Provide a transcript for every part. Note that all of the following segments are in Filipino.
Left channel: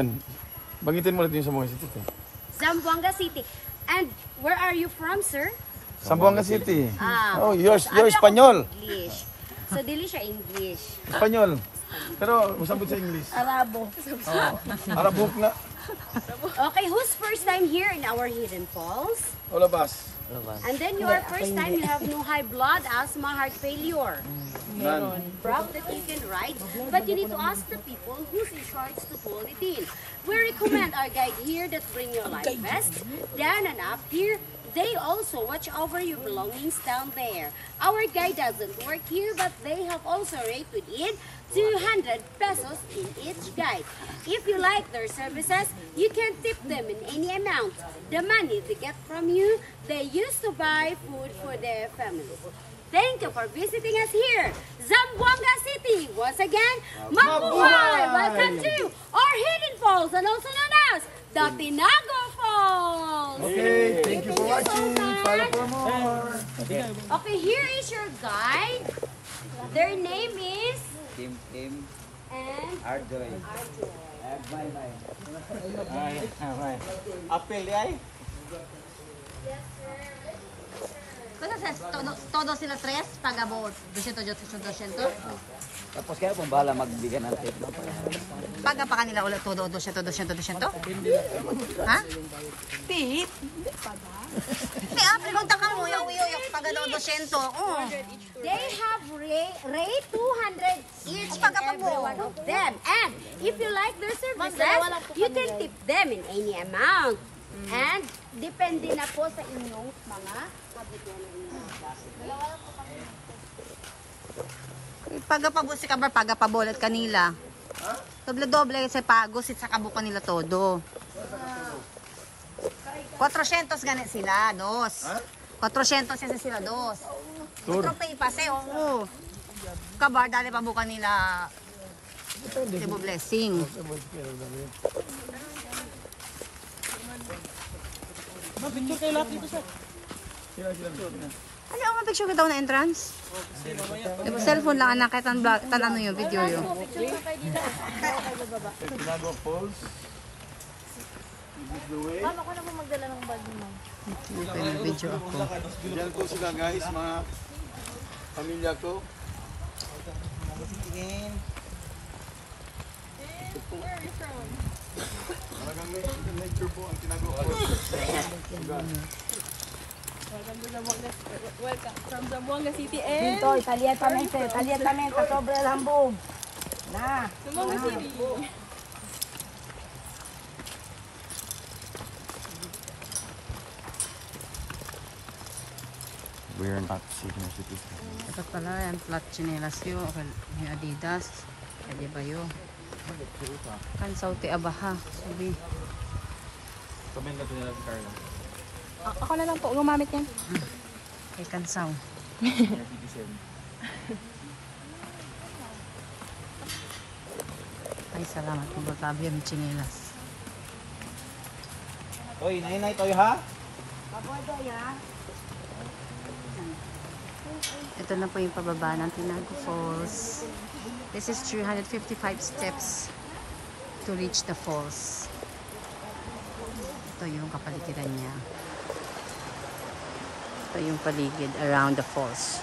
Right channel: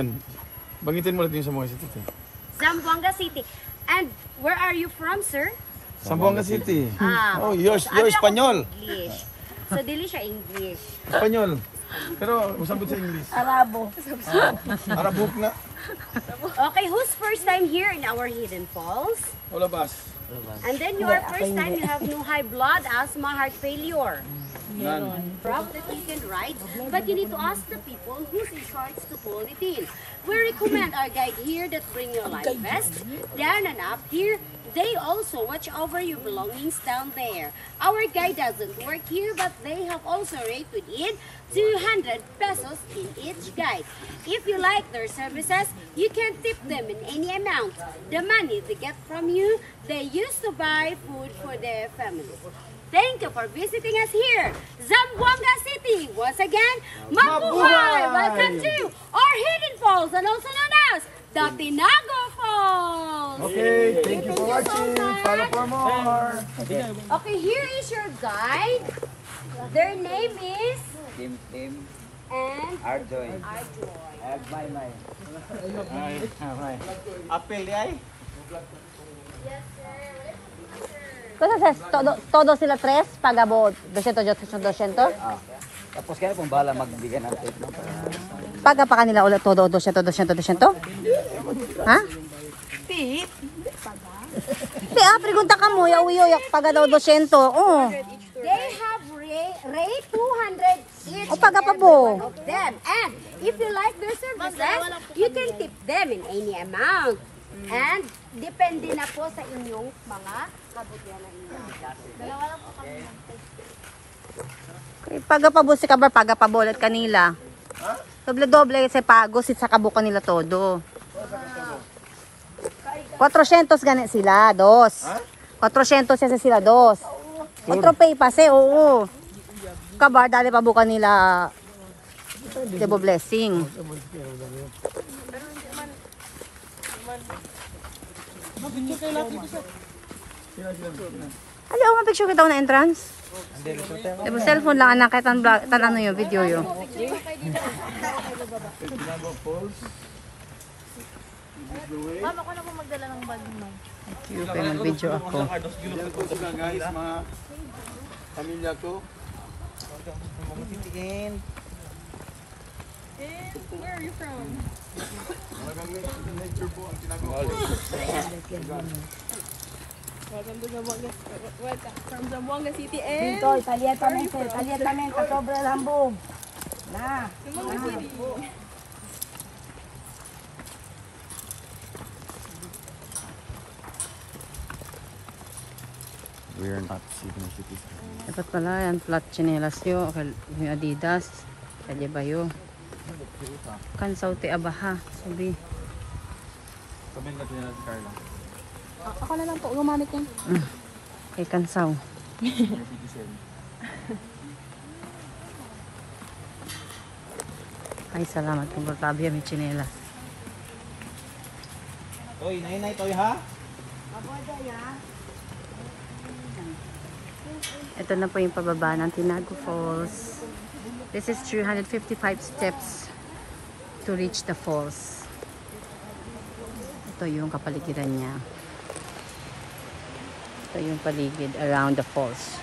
yan? Bangitin mo ulit yung Zamboanga City. Zamboanga City. And where are you from, sir? Zamboanga City. Oh, okay. you're Espanyol. English. So, dili siya English. Espanyol. Pero, usabot sa English. Arabo. Arabok na. Okay, who's first time here in our Hidden Falls? Olabas. And then your first time you have no high blood, asthma, heart failure. None. Proof that you can ride, but you need to ask the people who's in charge to pull it in. We recommend our guide here that bring your life vest, down and up here. They also watch over your belongings down there. Our guide doesn't work here, but they have also rate within 200 pesos in each guide. If you like their services, you can tip them in any amount. The money they get from you, they use to buy food for their family. Thank you for visiting us here, Zamboanga City. Once again, mabuhay! Welcome to our Hidden Falls, and also known as the Tinago Falls. Okay, thank you for watching. So Follow for more. okay, here is your guide. Their name is Tim and Arjoy. Apel di ay? Todo sila tres, pagabo 200. Tapos kaya kung bahala magbigyan natin. Paga pa kanila ulit todo 200. Ha? Pete. Di pregunta ka mo, yawi paga daw 200. Oh. They have rate 200 each. O paga pa bo. Of them. And if you like their services, you can tip them in any amount. And depende na po sa inyong mga Pagapabo si kabar, pagapabo ulit kanila. Doble-doble kasi pago sa kabuka nila todo. 400 ganit sila, dos. 400 sila, dos. 4 pay pase, oo. Kabar, dali pabuka nila. Debo blessing. Ano ang picture kita na entrance? Diba cellphone lang anak kahit ano yung video yun. Tinago Falls. This is the way. Thank you, kaya nag-video ako. Diyan po sila guys, mga pamilya ko. Ito po. Talagang nature po ang Tinago Falls. Welcome from Zamboanga City and Dito, italiatamente, sobre el hambog. Na. Zamboanga City. We're not sitting city. Dapat pala yan, flat chinelas yun, yung Adidas, kaya ba yun? Kansaw ti abaha, sabi. Sabihin ka nila si Carla. Ako na lang po gumamit yan. Kay kansaw. Ay, salamat kung batabi yan, chinelas. Toy, nay, toy ha? Ito na po yung pababa ng Tinago Falls. This is 355 steps to reach the falls. Ito yung kapaligiran niya. Ito yung paligid around the falls.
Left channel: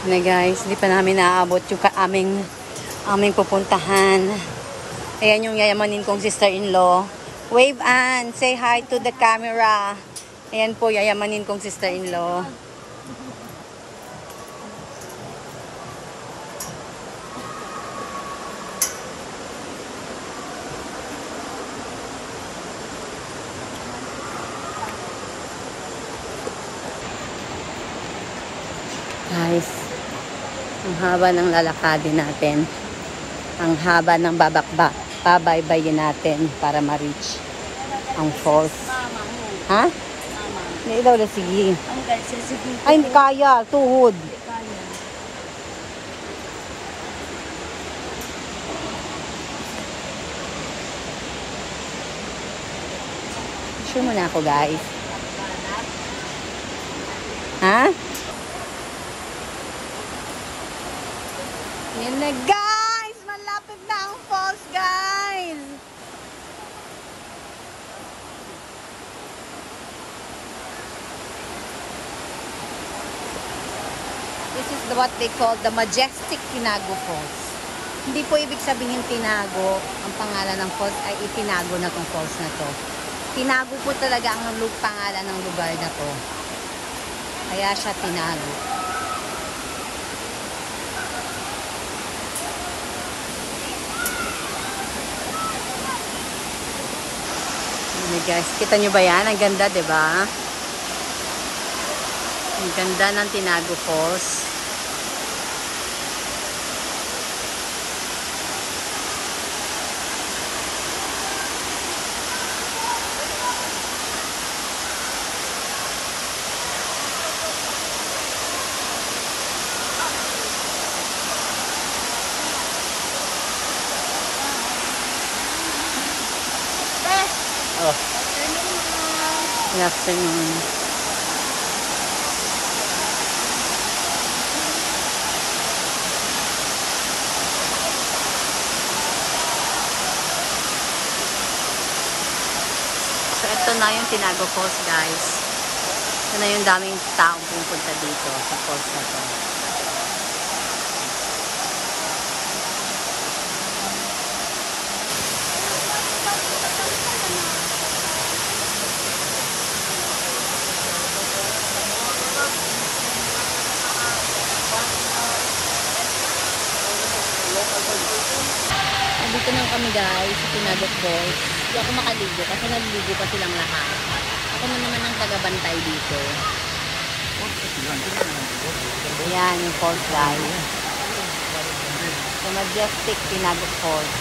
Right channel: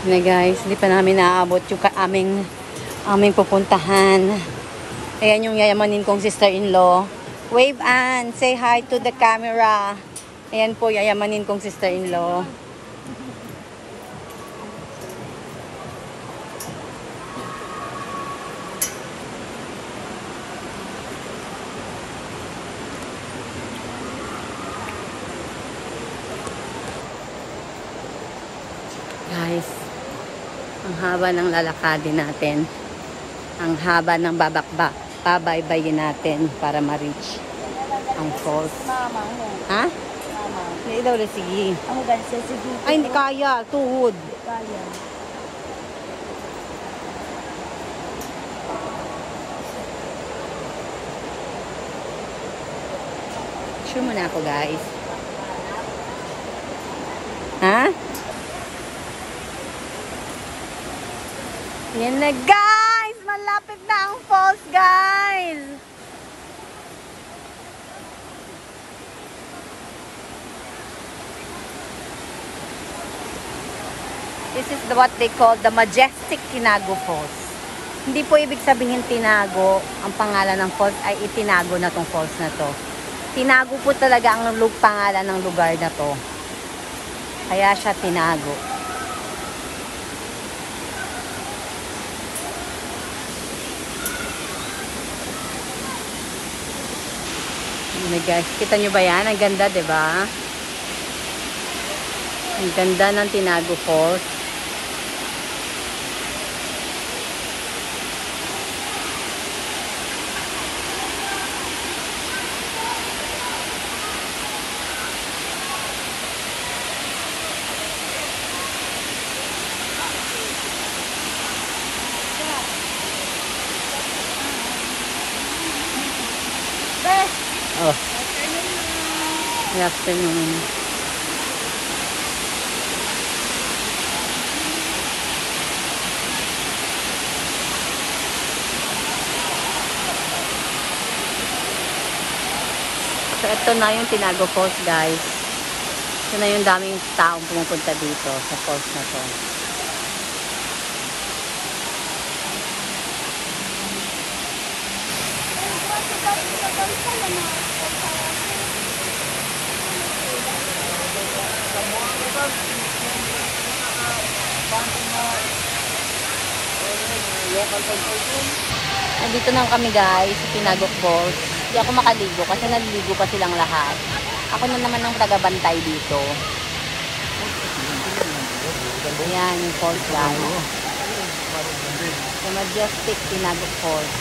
Na guys, hindi pa namin naaabot yung aming pupuntahan. Ayan yung yayamanin kong sister-in-law. Wave Ann, say hi to the camera. Ayan po, yayamanin kong sister-in-law. Guys, ang haba ng lalakadin natin. Ang haba ng babaybayin natin para ma-reach ang falls. Ha? Hindi daw na sige. Ay, hindi kaya. Tuhod. Sure muna ako, guys. Ha? Yan na, guys! Malapit na ang falls, guys! This is what they call the Majestic Tinago Falls. Hindi po ibig sabihin Tinago, ang pangalan ng falls ay itinago na tong falls na to. Tinago po talaga ang pangalan ng lugar na to. Kaya siya tinago. Ayan guys, kita nyo ba yan? Ang ganda, diba? Ang ganda ng Tinago Falls. Good afternoon. So, ito na yung Tinago Falls, guys. Ito na yung daming taong pumupunta dito sa falls na to. Nandito na kami guys sa Tinago Falls. Hindi ako makaligo kasi naliligo pa silang lahat. Ako na naman ang tagabantay dito. Ayan yung falls guys. The Majestic Tinago Falls.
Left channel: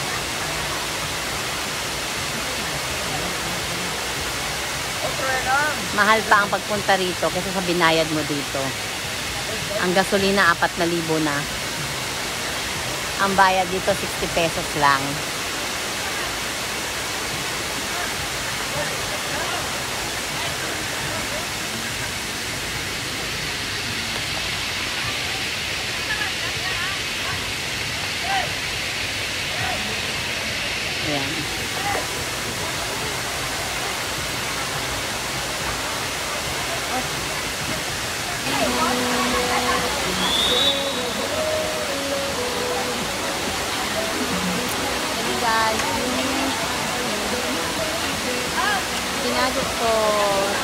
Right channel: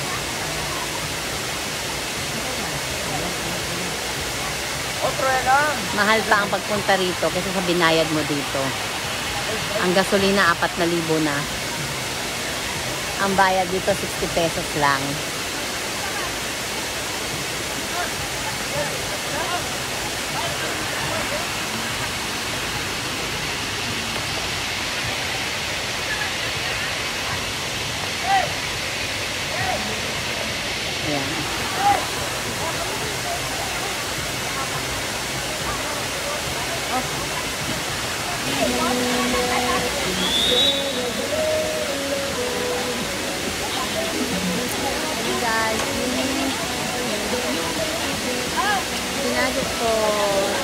Mahal pa ang pagpunta rito kasi sa binayad mo dito. Ang gasolina 4,000 na. Ang bayad dito 60 pesos lang. Ayan. Guys, Tinago Falls.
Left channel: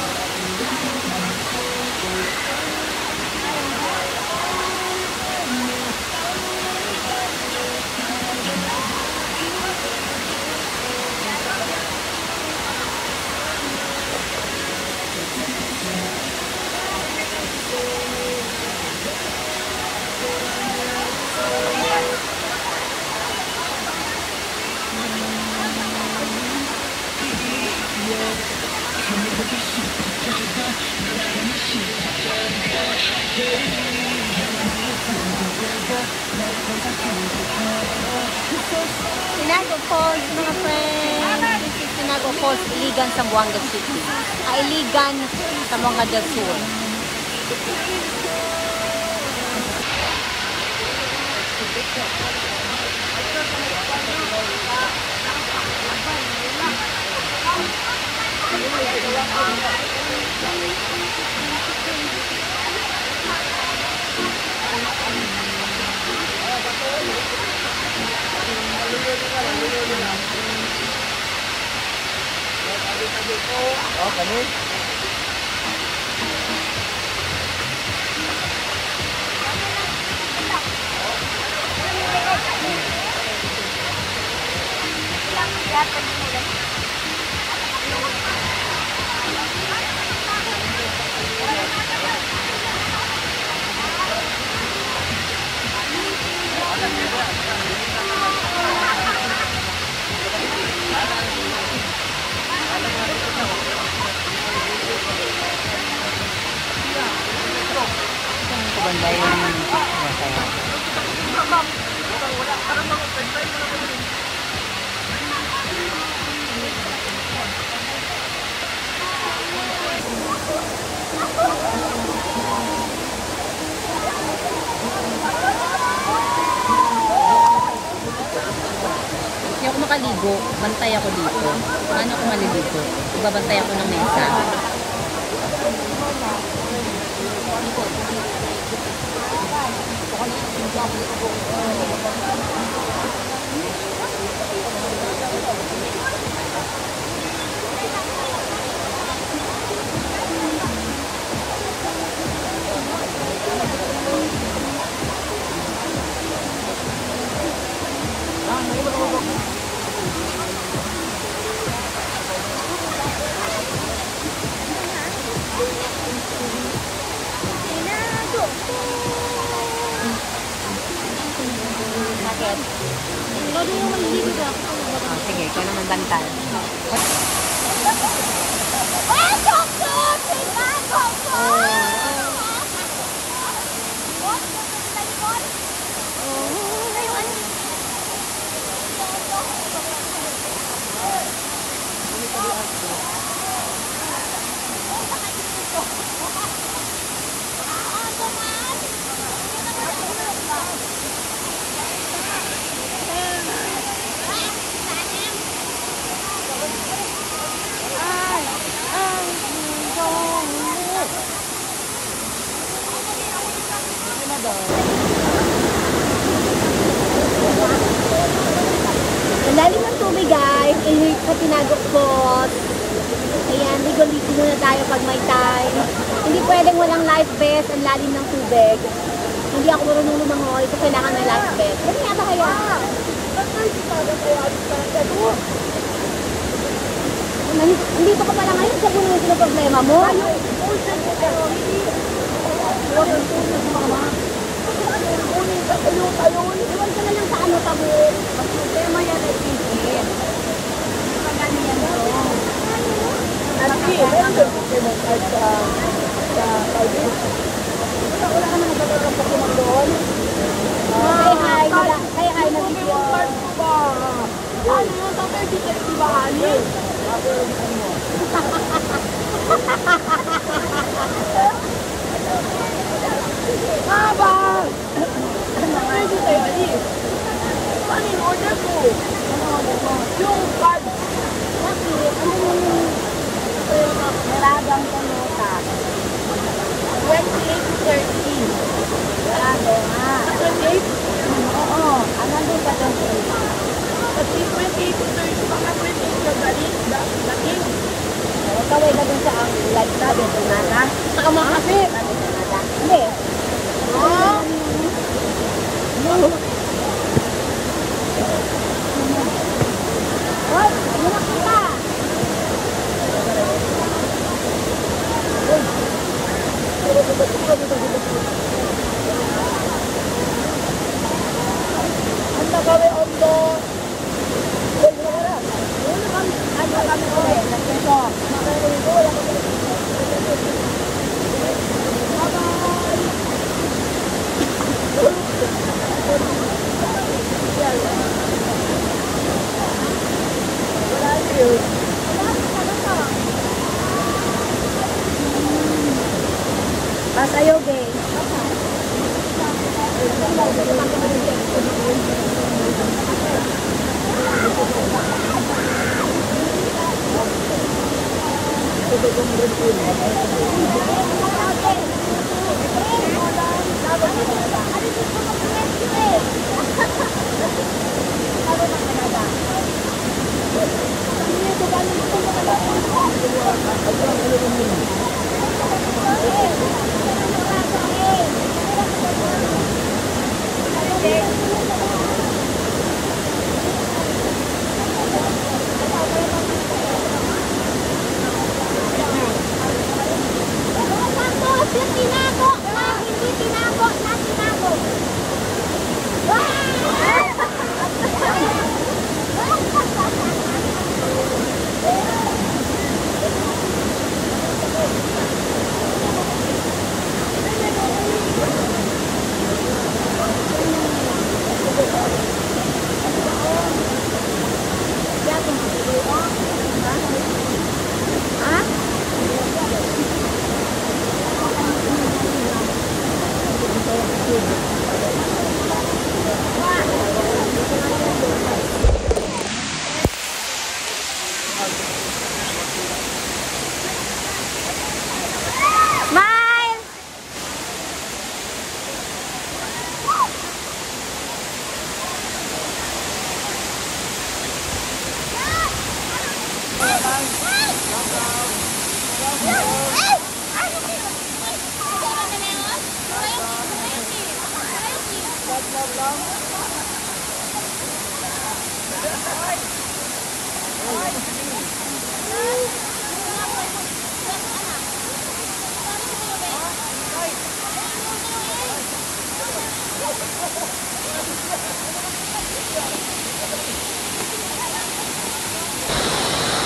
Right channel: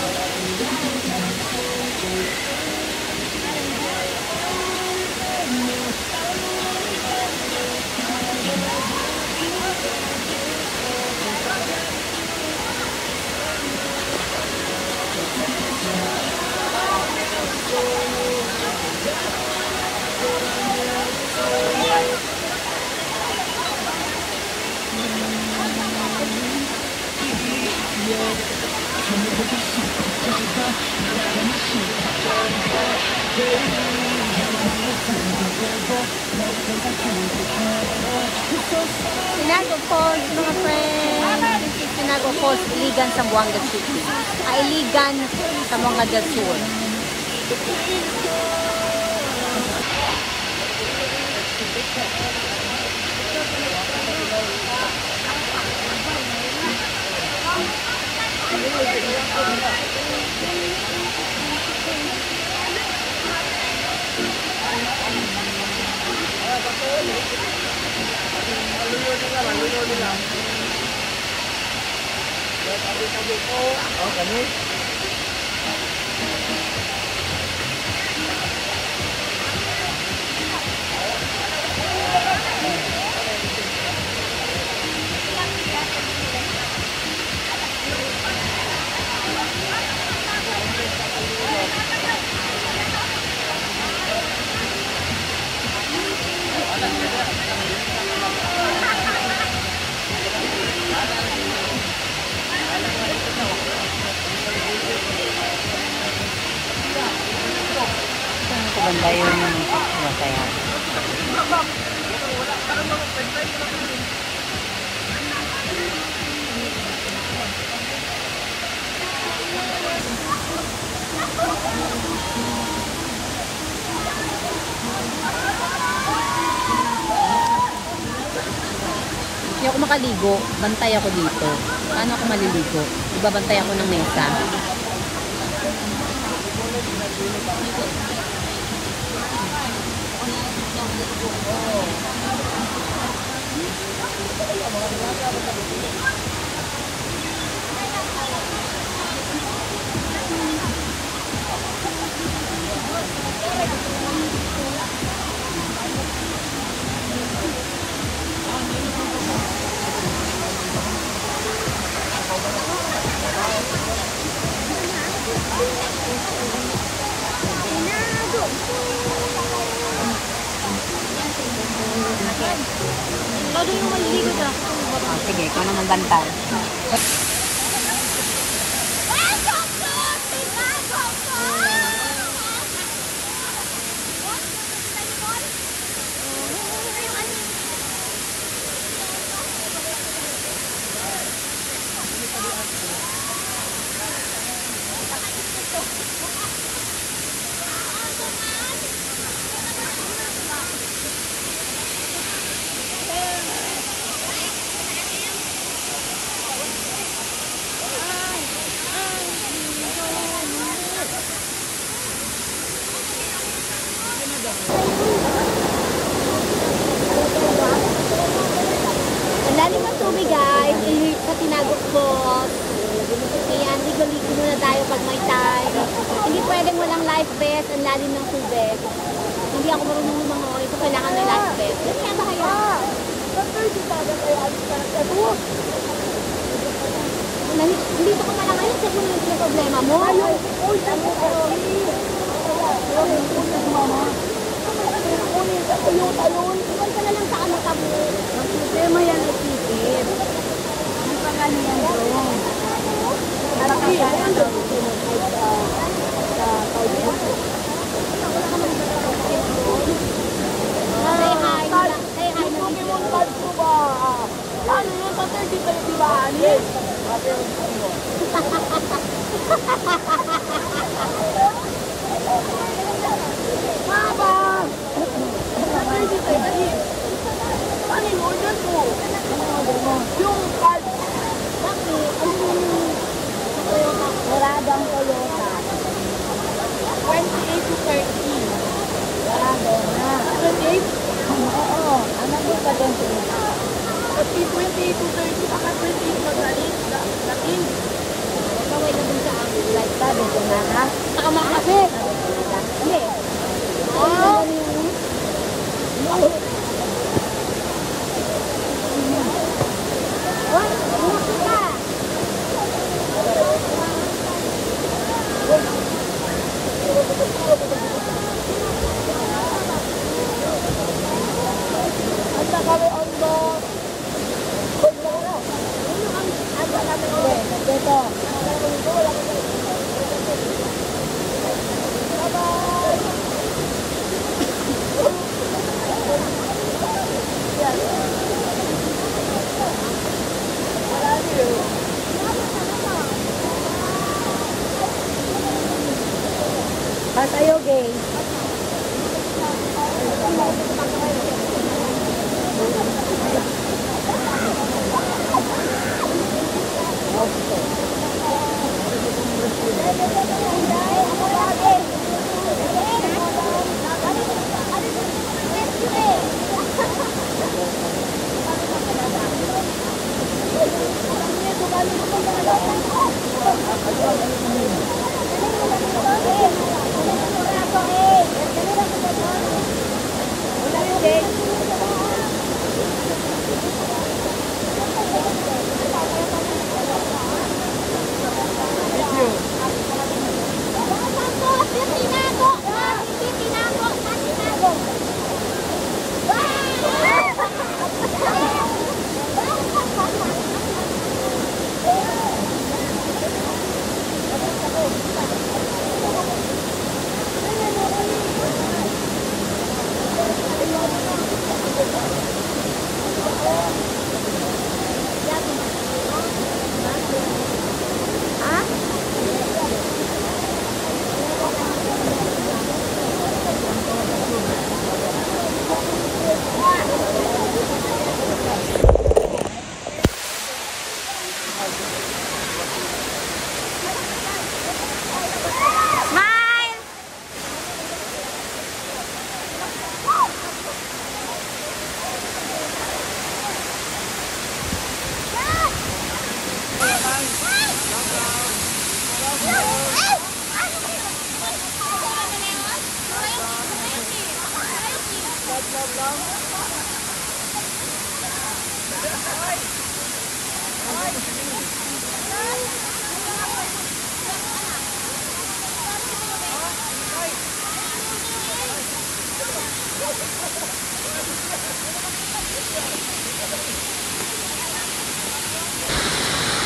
Tinago Falls, mga friends. This is Tinago Falls, Iligan, Zamboanga City. Iligan, Zamboanga del Sur. banda yung masaya. Hindi ako makaligo, bantay ako dito. Paano ako maliligo? Magbabantay ako ng mesa. Oh, sige, ikaw naman bantay. Ang lalim ng tubig guys, ilit sa tinagokot. Ayan, ligo-ligo muna tayo pag may time. Hindi pwedeng walang life vest, ang lalim ng tubig. Hindi ako marunong lumangoy, so kailangan may life vest. Yan nga ba kaya? Nandito ka pala ngayon, sa puno yung problema mo. Ayun. Iwan ka na lang sa ano tabo. Ang problema yan ay pipin. Wala ka naman tatapos mo doon. Say hi na video. Ano yung tatay di tayo ibahanin? Baba! Ano yung order ko? Yung card. Bakit? Ano yung maradang ko yung card? 28-30. Oo. Another pa din ko. Pati 28-30 baka 28 ka galing. Kaway ka dun sa ang light na dito na ha? Saka mo kasi. Hindi. Oh! No! Hoy! Muna kita! Ang nagawin on the... Hoy! Ang nagawin on the... Bye-bye! Sa'yo, gay.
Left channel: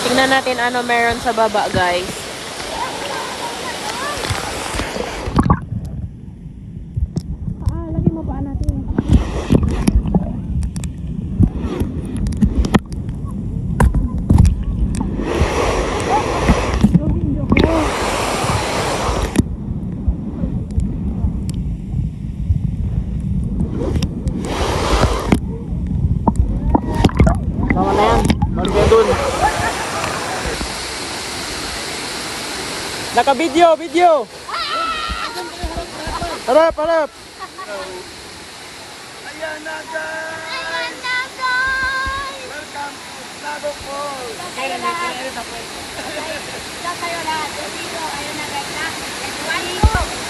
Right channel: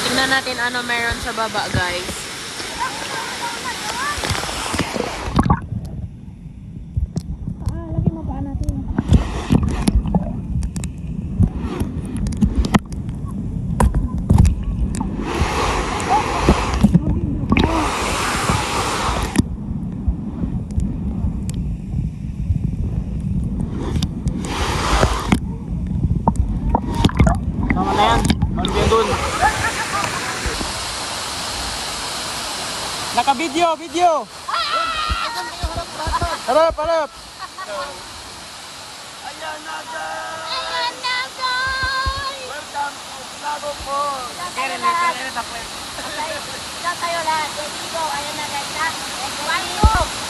Tingnan natin ano meron sa baba, guys. Naka-video, video. Harap, harap. Ayan na guys! Welcome, Labo Falls! Tayo lahat. Tayo lahat. Dito, ano na guys, ha?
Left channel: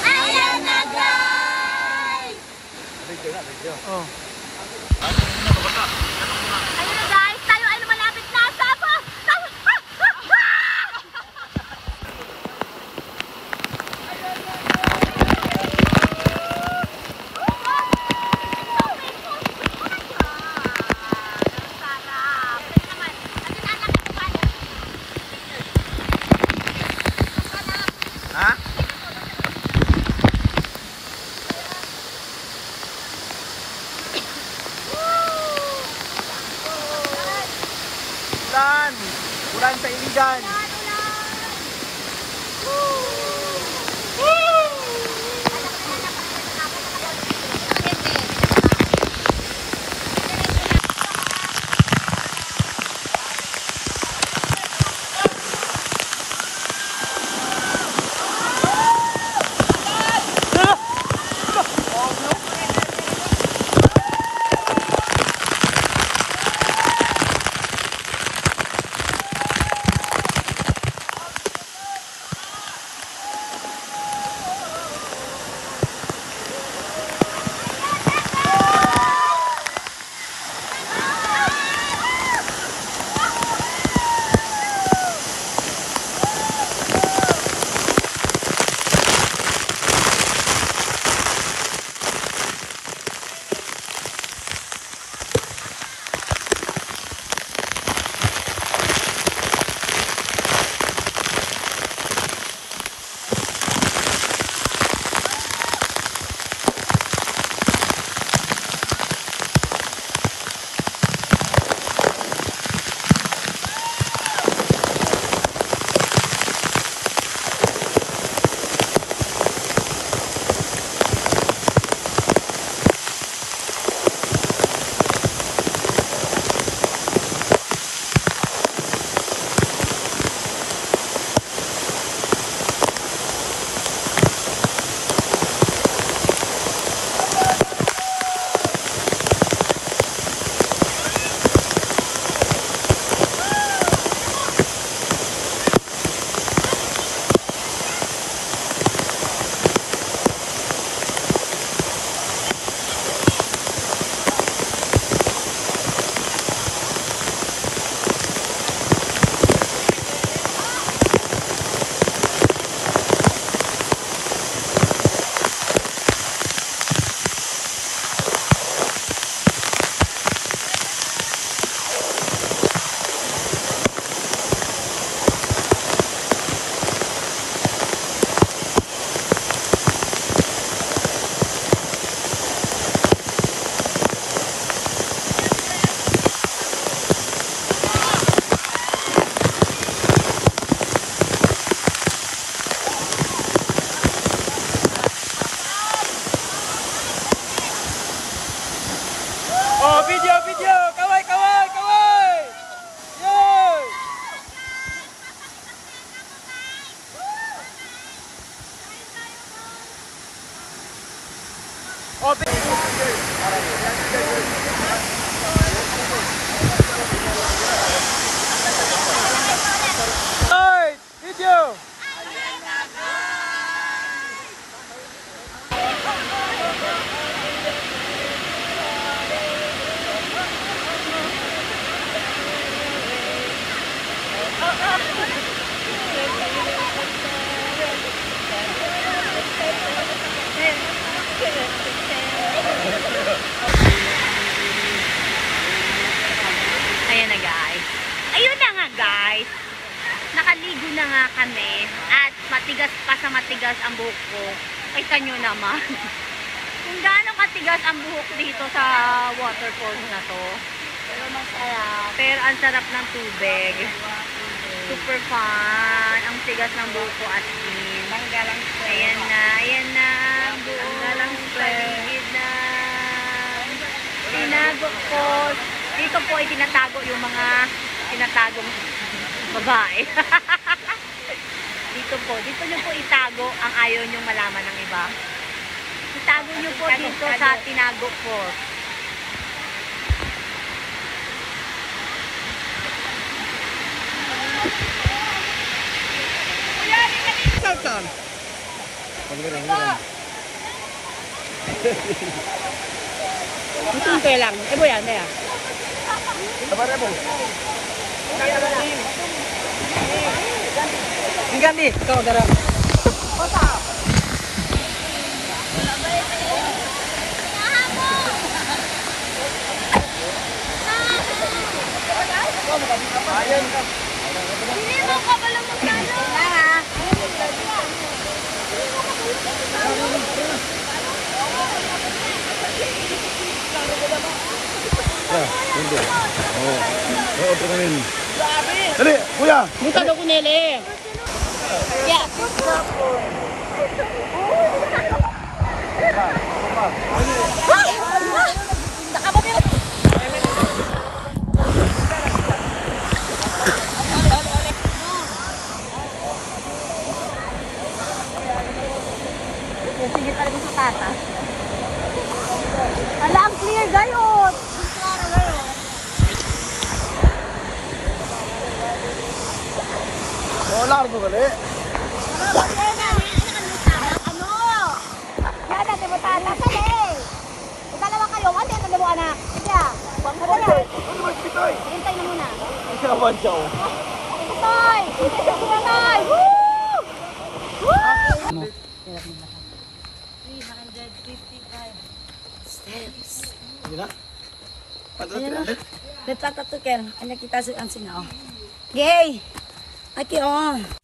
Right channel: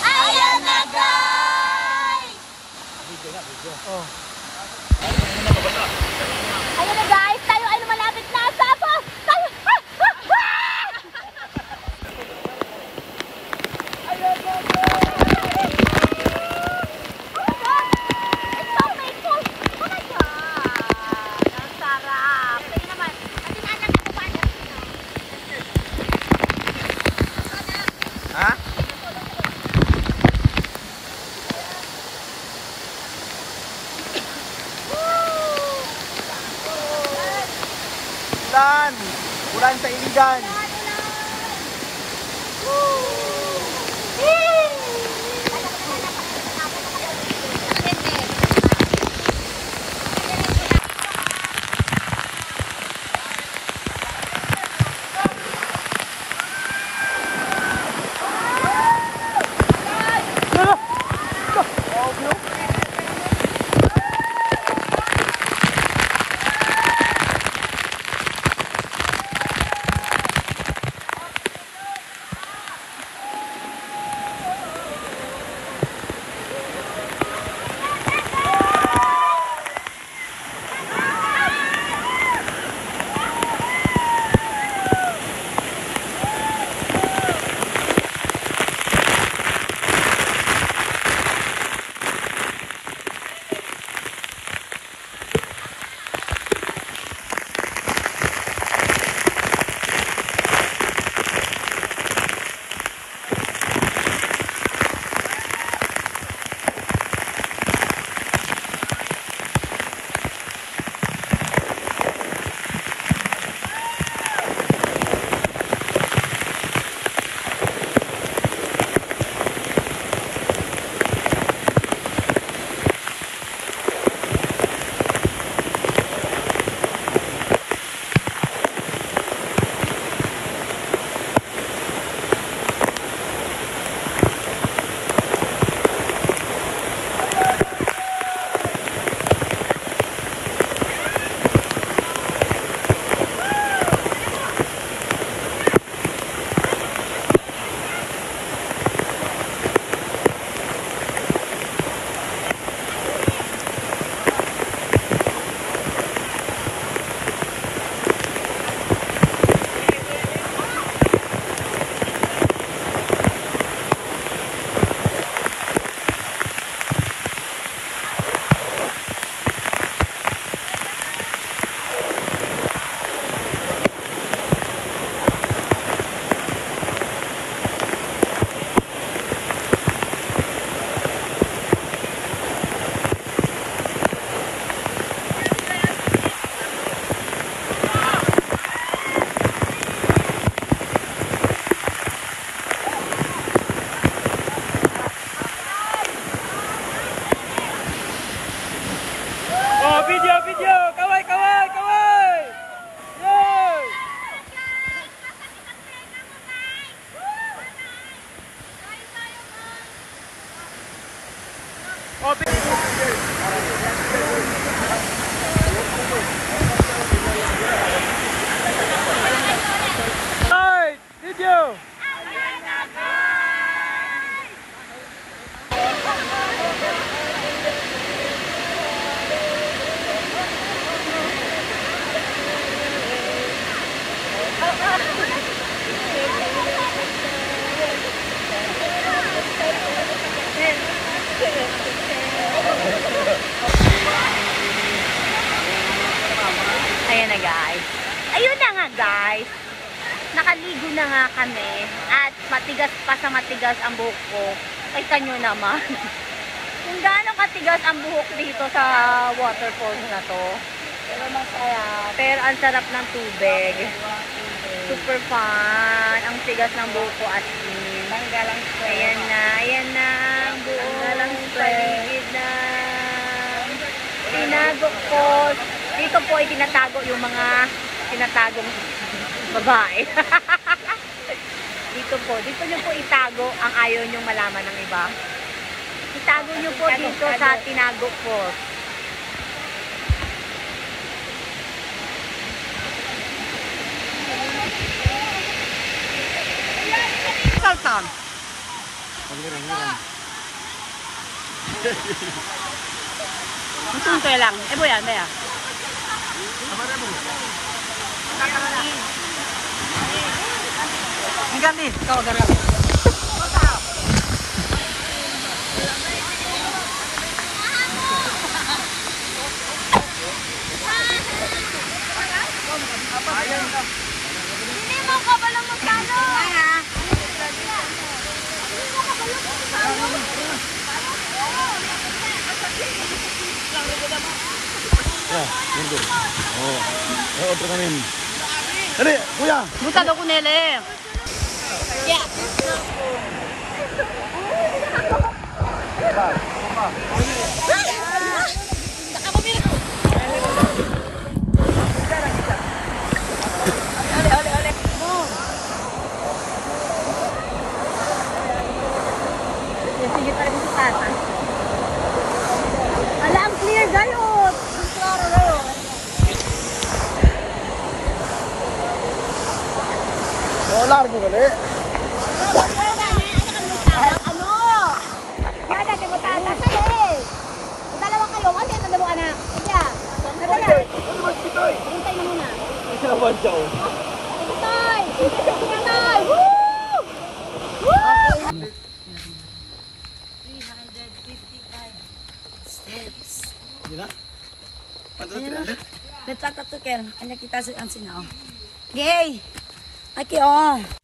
Ayan na guys! Ayan na guys, tayo ay malapit na sa Ulan! Ulan sa Iligan! Video, video! Kaway, kaway, kaway! Yay! Oh, video! nakaligo na nga kami at matigas pa sa matigas ang buhok ko. Kita nyo naman. Kung gaano katigas ang buhok dito sa waterfalls na to. Pero masarap. Pero ang sarap ng tubig. Super fun. Ang tigas ng buhok ko at Manggalang stress. ayan na ang buong paligid na tinago ko. Dito po ay tinatago yung mga tinatagong babae. Dito nyo po itago ang ayaw nyong malaman ng iba. Itago nyo po dito sa tinago ko. Saltan. Tuntoy lang. Ebo yan, Maya. Hinggan di. Ikaw, dara. Hindi mo ka pala magkano. Otro kanin. Dali, kuya. Buta daw ko nele. Sige pa rin sa tata. Alam, clear gayot. Klaro gayot. Largo gali. Ano? Yan natin mo tata. Sali. Dalawa kayo. Ano yung dalawa anak? Sige. Hintay na muna. Ito naman siya. Hintay. Hintay. Woo! Woo! 355 steps. Gila? Let's talk to Kel. Ano kita sa ang sinaw. Yay! Aki oh.